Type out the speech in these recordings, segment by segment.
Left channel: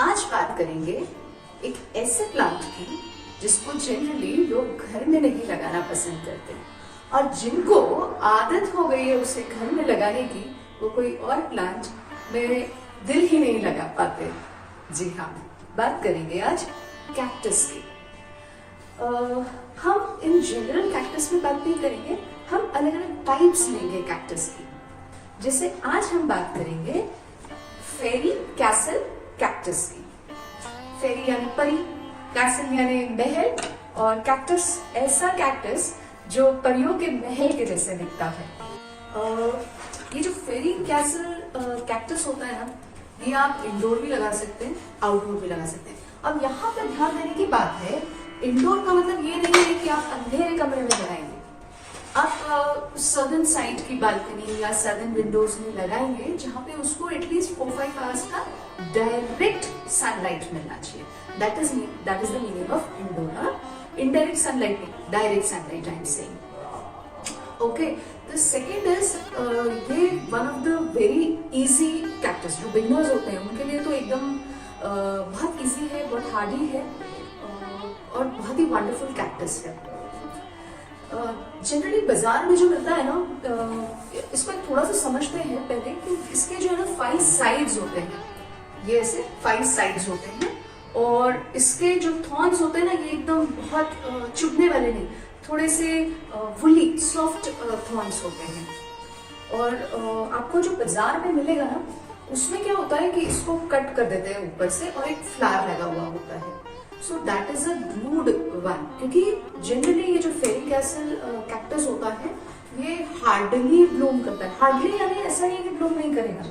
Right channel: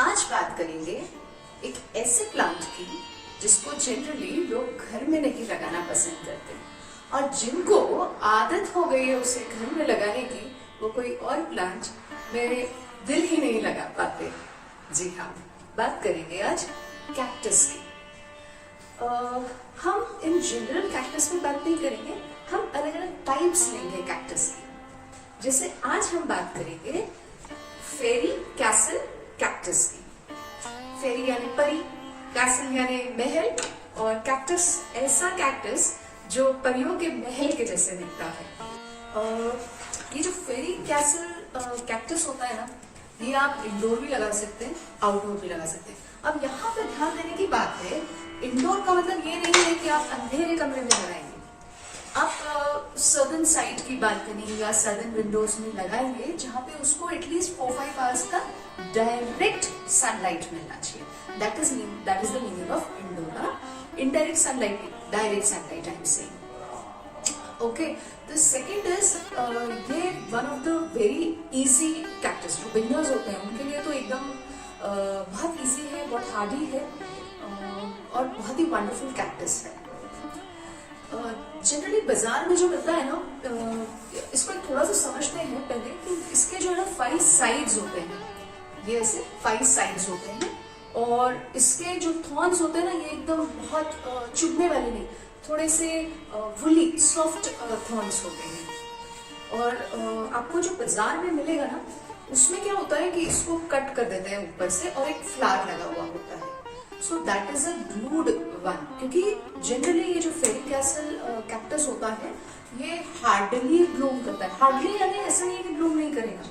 आज बात करेंगे एक ऐसे प्लांट की जिसको जनरली लोग घर में नहीं लगाना पसंद करते और जिनको आदत हो गई है उसे घर में लगाने की, वो कोई और प्लांट मेरे दिल ही नहीं लगा पाते। जी हाँ, बात करेंगे आज कैक्टस की। हम इन जनरल कैक्टस में बात नहीं करेंगे, हम अलग अलग टाइप्स लेंगे कैक्टस की। जैसे आज हम बात करेंगे फेरी कैसल कैक्टस की। फेरी यानी परी, कैसल यानी महल, और कैक्टस ऐसा कैक्टस जो परियों के महल के जैसे दिखता है। ये जो फेरी कैसल कैक्टस होता है ना, ये आप इंडोर भी लगा सकते हैं, आउटडोर भी लगा सकते हैं। अब यहाँ पर ध्यान देने की बात है, इंडोर का मतलब ये नहीं है कि आप अंधेरे कमरे में लगाएंगे। आप सदर्न साइड की बालकनी या सदर्न विंडोज में लगाएंगे जहाँ पे उसको एटलीस्ट 4-5 आवर्स का डायरेक्ट सनलाइट मिलना चाहिए। That is the meaning of indoor. Indirect sunlight, direct sunlight I am saying. Okay, the second is ये one of the very easy cactus. जो बिगिनर्स होते हैं उनके लिए तो एकदम बहुत इजी है, बहुत हार्डी है और बहुत ही वंडरफुल कैक्टस है। जनरली बाजार में जो मिलता है ना, इसको थोड़ा सा समझते हैं पहले कि इसके जो है ना 5 साइड्स होते हैं। ये ऐसे 5 साइड्स होते हैं और इसके जो थॉर्न्स होते हैं ना, ये एकदम बहुत चुभने वाले नहीं, थोड़े से वुली सॉफ्ट थॉर्न्स होते हैं। और आपको जो बाजार में मिलेगा ना, उसमें क्या होता है कि इसको कट कर देते हैं ऊपर से और एक फ्लावर लगा हुआ होता है। So that is a glued one, क्योंकि जनरली ये जो फेरी कैसल कैक्टस होता है ये हार्डली ब्लूम करता है। हार्डली यानी ऐसा नहीं कि ब्लूम नहीं करेगा,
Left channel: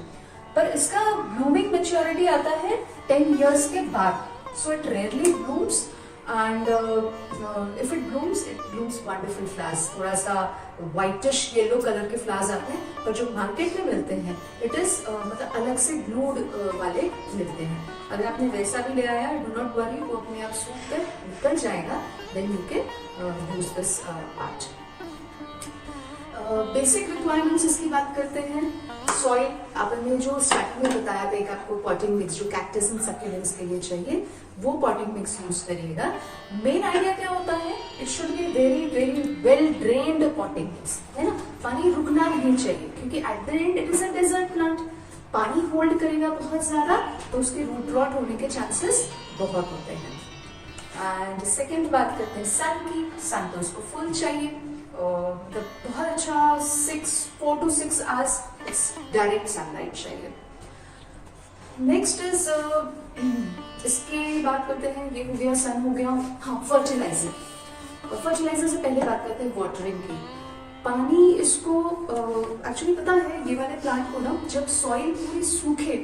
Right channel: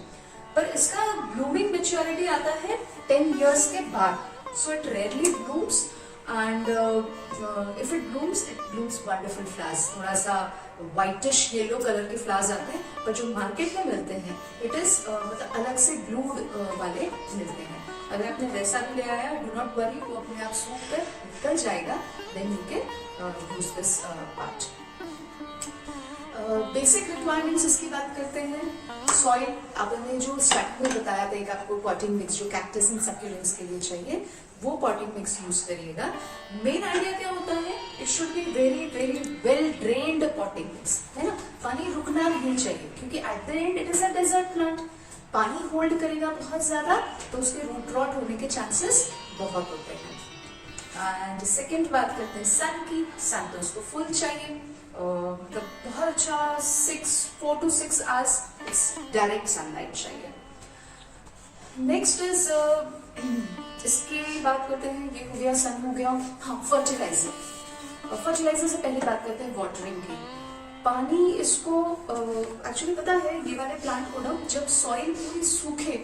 पर इसका ब्लूमिंग मैच्योरिटी आता है 10 इयर्स के बाद। So it rarely blooms and if it blooms wonderful flowers. थोड़ा सा व्हाइटिश येलो कलर के फ्लावर्स आते हैं, पर जो मार्केट में मिलते हैं इट इज मतलब अलग से ब्लूड वाले मिलते हैं। अगर आपने वैसा भी ले आया, डू नॉट वरी, वो अपने आप सूख कर निकल जाएगा। Then you can use this part. Basic requirements इसकी बात करते हैं। सॉइल आपने जो स्टार्टिंग में बताया था, एक आपको पॉटिंग मिक्स जो कैक्टस एंड सक्यूलेंट्स के लिए चाहिए, वो पॉटिंग मिक्स यूज करिएगा। मेन आइडिया क्या होता है, it should be very very well drained potting mix, है ना। पानी रुकना नहीं चाहिए, क्योंकि at the end it is a desert plant. पानी होल्ड करेगा बहुत ज्यादा तो उसके रूट रॉट होने के चांसेस बहुत होते हैं। एंड सेकेंड बात करते हैं सन की। सन तो उसको फुल चाहिए, मतलब बहुत अच्छा 4 to 6 आवर्स डायरेक्ट सनलाइट चाहिए। नेक्स्ट इज इसकी बात करते हैं, ये हो गया सन, हो गया हाँ फर्टिलाइजर। फर्टिलाइजर से पहले बात करते हैं वाटरिंग की। पानी इसको एक्चुअली पता है, ये वाले प्लांट को ना जब सॉइल पूरी सूखे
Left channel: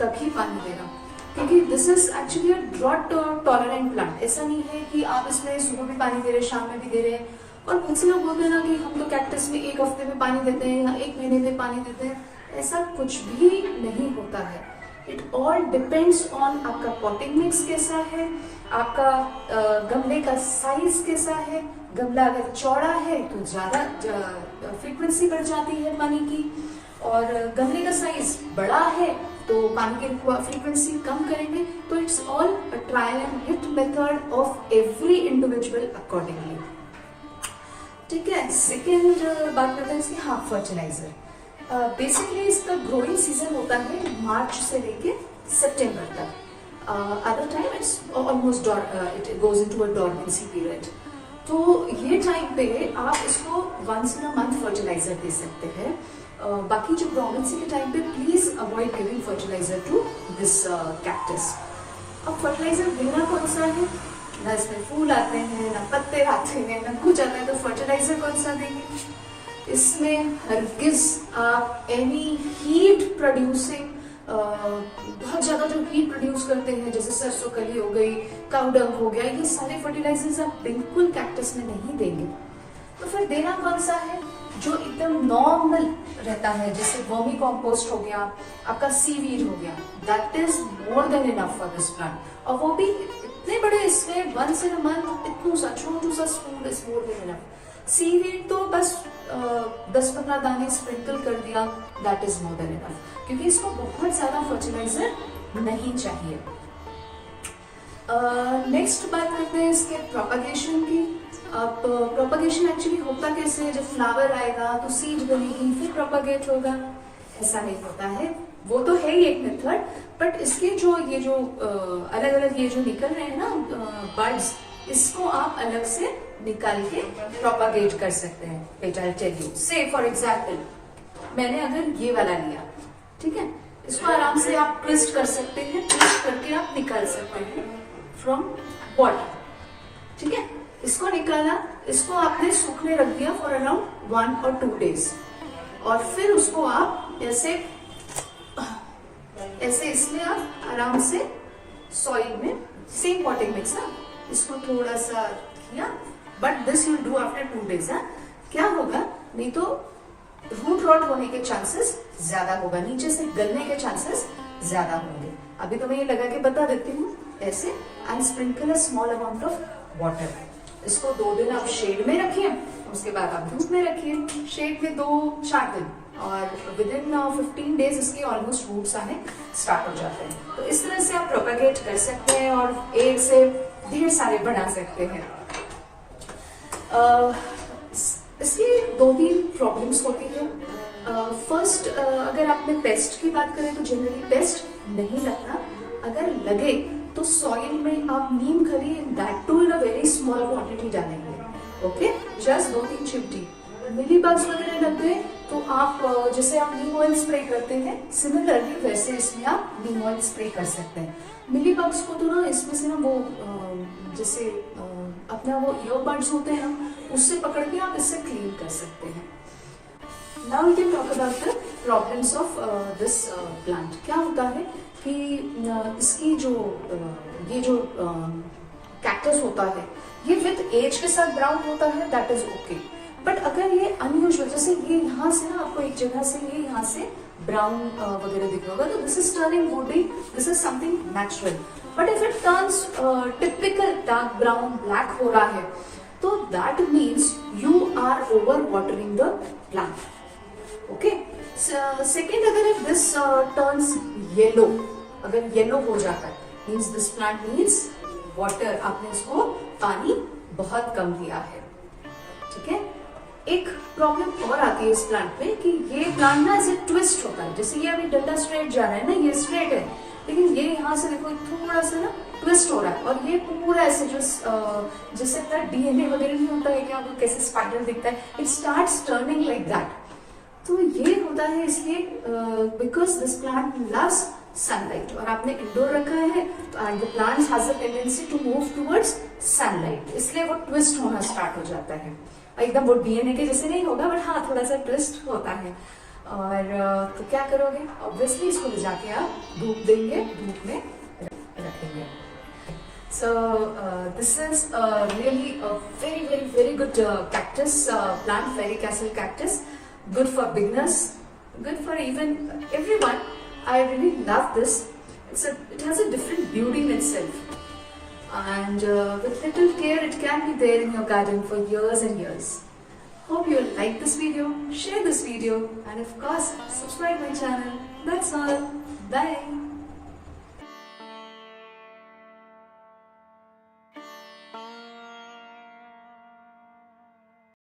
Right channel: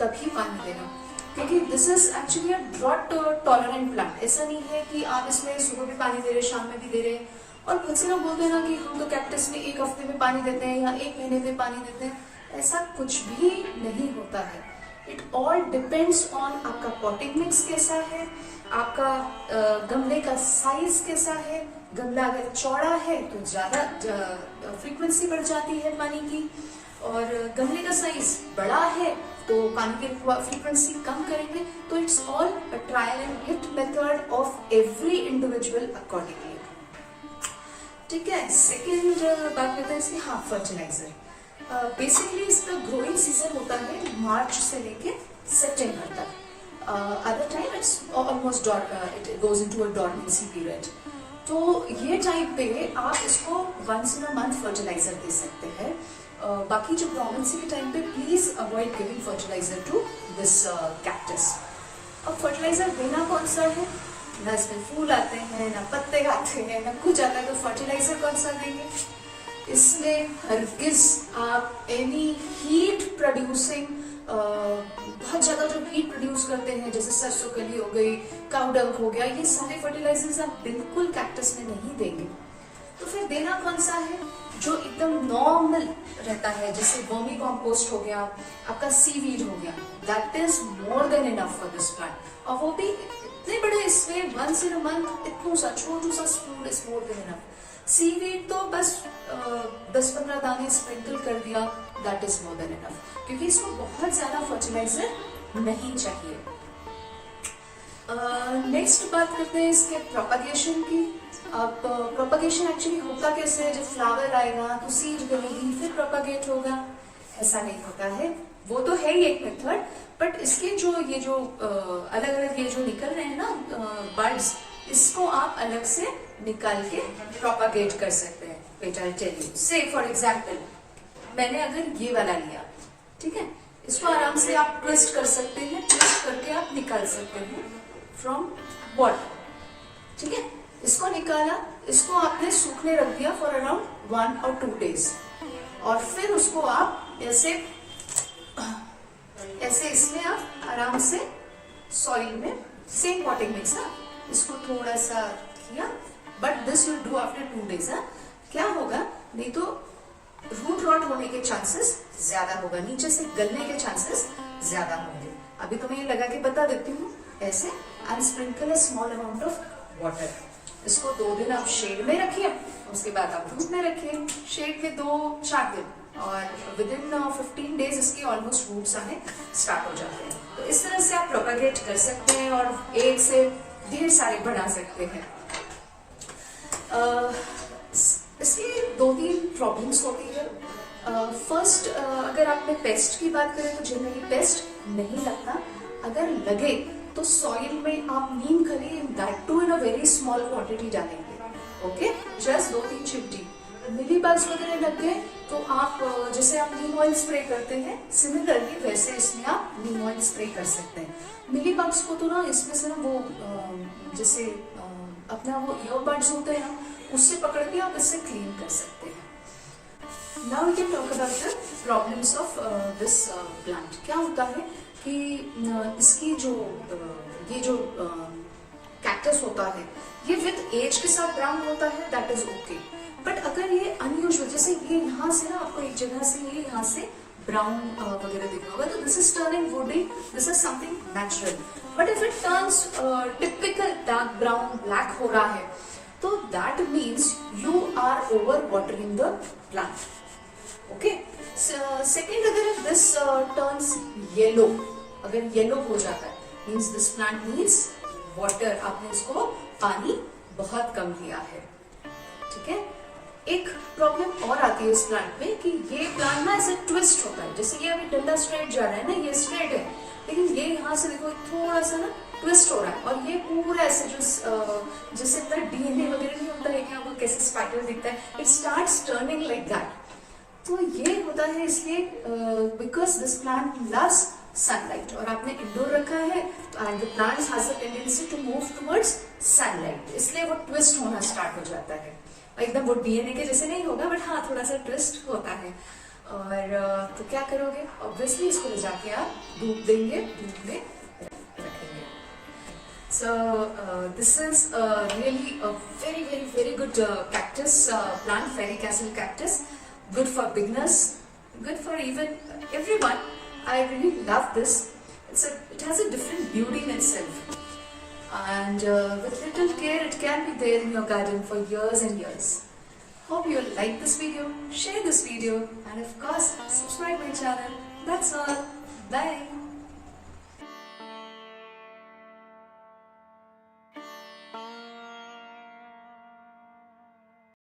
तभी पानी देना, क्योंकि this is actually a drought tolerant plant. ऐसा नहीं है कि आप इसमें सुबह भी पानी दे रहे, शाम में भी दे रहे हैं। और बहुत से लोग बोलते हैं ना कि हम तो कैक्टस में 1 हफ्ते में पानी देते हैं या 1 महीने में पानी देते हैं। ऐसा कुछ भी नहीं होता है। इट ऑल डिपेंड्स ऑन आपका पॉटिंग मिक्स कैसा है, आपका गमले का साइज कैसा है। गमला अगर चौड़ा है तो ज्यादा फ्रीक्वेंसी बढ़ जाती है पानी की, और गमले का साइज बड़ा है तो पानी की फ्रीक्वेंसी कम करेंगे। तो it's all trial and hit method of every individual accordingly. ठीक है, सेकेंड बात करते हैं इसकी हाँ फर्टिलाइजर। बेसिकली इसका ग्रोइंग सीजन होता है मार्च से लेके सितंबर तक। Other time it's almost it goes into a dormancy period. तो ये टाइम पे आप इसको once in a month fertilizer दे सकते हैं। बाकी जो डॉर्मेंसी के टाइम पे please avoid giving fertilizer to this cactus. अब फर्टिलाइजर देना कौन सा है, ना इसमें फूल आते हैं, ना पत्ते आते हैं, ना कुछ आता है, तो फर्टिलाइजर कौन सा देंगे। इसमें हरगिज आप एनी हीट प्रोड्यूसिंग, बहुत ज्यादा जो हीट प्रोड्यूस करते हैं जैसे सरसों कली हो गई, काऊ डंग हो गया, ये सारे फर्टिलाइजर्स आप बिल्कुल कैक्टस में नहीं देंगे। तो फिर देना कौन सा है, जो एकदम नॉर्मल रहता है, जैसे वर्मी कॉम्पोस्ट हो गया, आपका सीवीड हो गया। That is more than enough for this plant. और वो भी इतने बड़े इसमें वंस इन अ मंथ इतना सा छोटू सा spoon is more than enough. Seaweed तो बस 10-15 दाने स्प्रिंकल कर दिया, that is more than enough, क्योंकि इसको बहुत ज्यादा फर्टिलाइजर नहीं चाहिए। नेक्स्ट बात करते हैं इसके प्रोपगेशन की। अब प्रोपगेशन एक्चुअली होता कैसे है, जब फ्लावर आएगा तो सीड बनेगी फिर प्रोपगेट होगा, ऐसा नहीं होता है। वो तो है ही एक मेथड, बट इसके जो अलग अलग ये जो निकल रहे हैं ना बर्ड्स, इसको आप अलग से निकाल के प्रोपगेट कर सकते हैं। बेटा आई टेल यू, से फॉर एग्जाम्पल मैंने अगर ये वाला लिया, ठीक है, इसको आराम से आप ट्विस्ट कर सकते हैं, ट्विस्ट करके आप निकाल सकते हैं फ्रॉम बॉटम, ठीक है। इसको निकाला, इसको आपने सूखने रख दिया फॉर अराउंड 1 or 2 days, और फिर उसको आप ऐसे इसमें आप आराम से सॉइल में सेम पॉटिंग मिक्स ना, इसको थोड़ा सा किया, but this will do after 2 days। क्या होगा, नहीं तो रूट रॉट होने के चांसेस ज्यादा होगा, नीचे से गलने के चांसेस ज्यादा होंगे। अभी तो मैं ये लगा के बता देती हूँ ऐसे, and sprinkle a small amount of water. इसको 2 दिन आप शेड में रखिए, उसके बाद आप धूप में रखिए, शेड में 2-4 दिन, और विद इन 15 days इसके ऑलमोस्ट रूट्स आने स्टार्ट हो जाते हैं। तो इस तरह से आप प्रोपेगेट कर सकते हैं और एक से ढेर सारे बना सकते हैं। इसकी 2-3 प्रॉब्लम्स होती है। फर्स्ट, अगर आपने पेस्ट की बात करें तो जनरली पेस्ट नहीं लगता, अगर लगे तो सॉइल में आप नीम खली, that too in a very small quantity डालेंगे, ओके, जस्ट 2-3 चिमटी। मिली बग्स वगैरह लग गए तो आप जैसे हम नीम ऑयल स्प्रे करते हैं, सिमिलरली वैसे इसमें आप नीम ऑयल स्प्रे कर सकते हैं। मिली बग्स को तो ना इसमें से ना वो जैसे अपना वो ईयरबड्स होते हैं ना, उससे पकड़ के आप इससे क्लीन कर सकते हैं। Now we can talk about the problems of this plant. क्या होता है कि इसकी ये जो कैक्टस होता है, ये विद एज के साथ ब्राउन होता है, दैट इज ओके। बट अगर ये अनयूजुअल, जैसे ये यहाँ से ना आपको एक जगह से ये यहाँ से ब्राउन वगैरह दिख रहा होगा, तो this is turning woody, this is something natural. But if it turns typical dark brown black हो रहा है, तो that means you are over watering the plant, okay. Second, अगर इफ दिस टर्न्स येलो, अगर येलो हो जाता है, means this plant needs water, आपने इसको पानी बहुत कम दिया है, ठीक है। एक प्रॉब्लम और आती है इस प्लांट में कि ये प्लांट ना ऐसे ट्विस्ट होता है, जैसे ये अभी डंडा स्ट्रेट जा रहा है ना, ये स्ट्रेट है, लेकिन ये यहाँ से देखो थोड़ा सा ना ट्विस्ट हो रहा है, और ये पूरा ऐसे जैसे डीएनए वगैरह नहीं होता है कि आपको कैसे स्पाइडर दिखता है, it starts turning like that. तो ये होता है इसलिए because this plant loves sunlight, और आपने इंडोर रखा है तो and the plants has a tendency to move towards sunlight, इसलिए वो ट्विस्ट होना स्टार्ट हो जाता है। एकदम वो डीएनए के जैसे नहीं होगा, बट हाँ थोड़ा सा ट्विस्ट होता है। और तो क्या करोगे, ऑब्वियसली इसको ले जाके आप धूप देंगे, धूप में रखेंगे। So this is really a very very very good cactus plant, fairy castle cactus. Good for beginners, good for even everyone. I really love this. It has a different beauty in itself, and with little care it can be there in your garden for years and years. Hope you like this video, share this video, and of course subscribe my channel. That's all. Bye.